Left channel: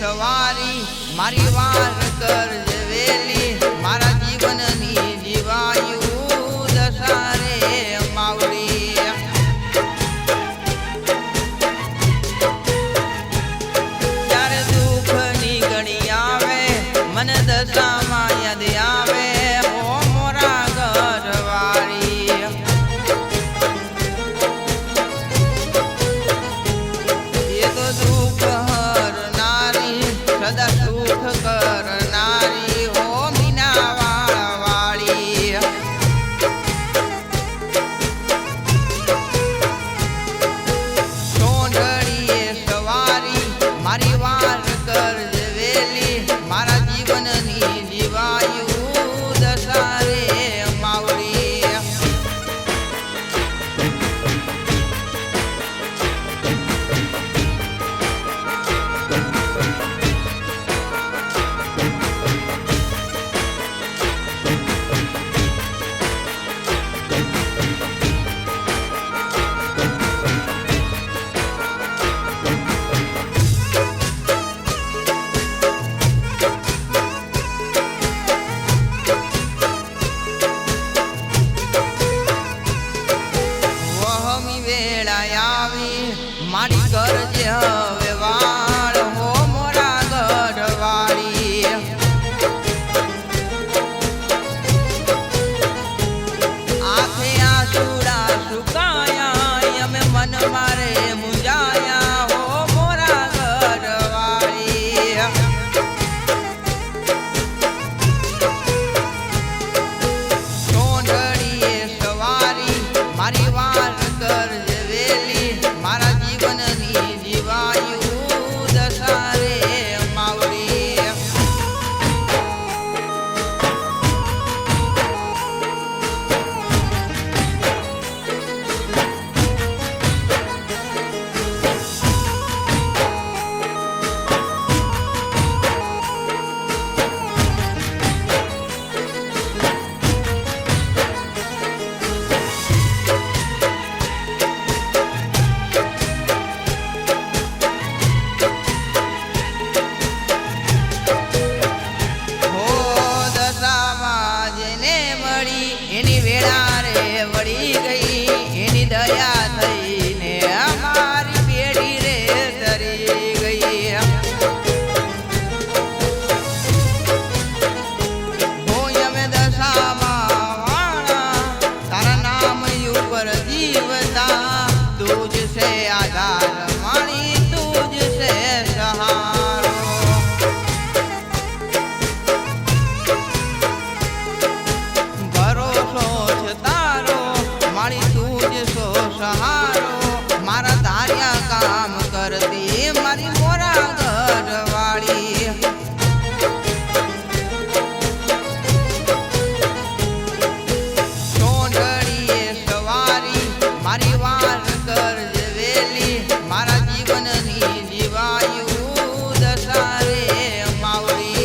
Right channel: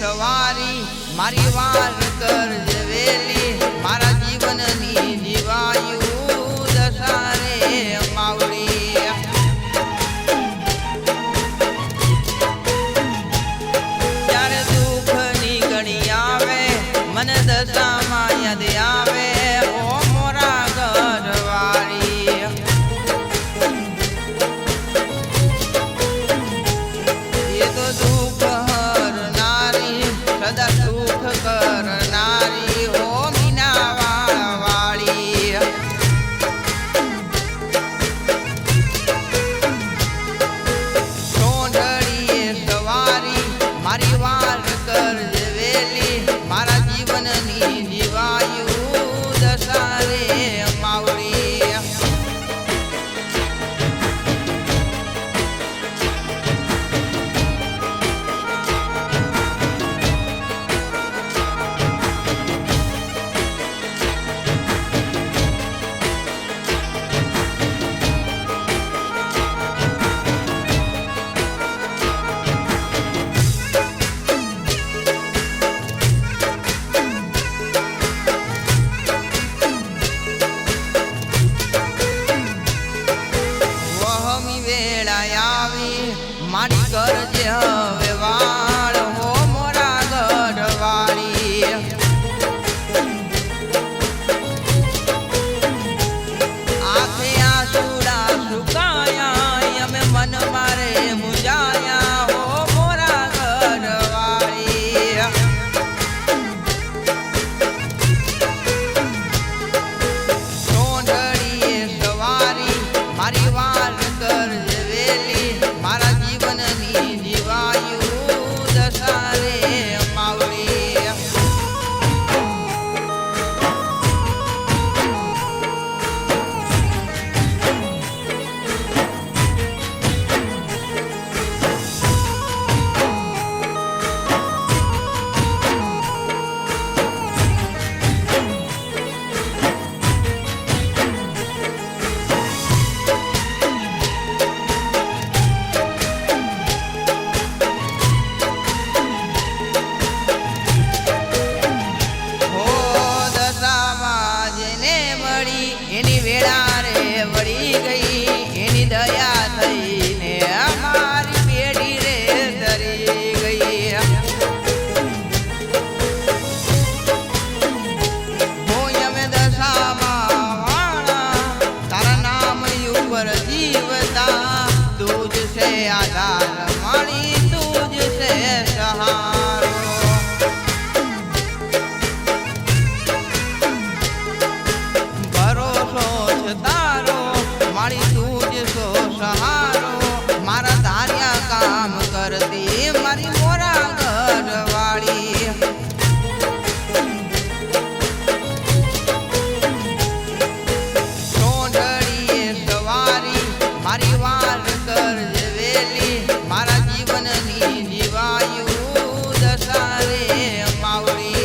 સવારી મારી વાર કરજે વેલી મારા જીવનની જીવાયુ દશારે માવડી જ્યારે દુઃખની ઘડી આવે મને દશામાં યાદ આવે ઓ મોરા ઘરવાળી એ તો દુઃખ હરનારી સદા સુખ કરનારી ઓ મીના વાળી સોંઢળીએ સવારી મારી વાર કરજે વેલી મારા જીવનની જીવાયુ દશારે માવડી મારી કરજે હવે વાળ હો મોરા ગઢવાળી આંખે આંસુડા સુકાયા અમે મન મારે મુજાયા હો મોરા ગઢવાળી સોંઢળીએ સવારી મારી વાર કરજે વેલી મારા જીવનની જીવાયુ દશારે માવડી એની વેળા રે વળી ગઈ એની દયા થઈને અમારી પેઢી રે ધરી ગઈ હોય અમે દશામાં વાણા તારા નામ ઉપર જીવતા તુજ છે આધાર માણી તુજ છે સહારો મારી તુજ સો સહારો મારા ધાર્યા કામ કરતી મારી મોરા ઘરવાળી સોંઢળીએ સવારી મારી વાર કરજે વેલી મારા જીવનની જીવાયુ દશારે માવડી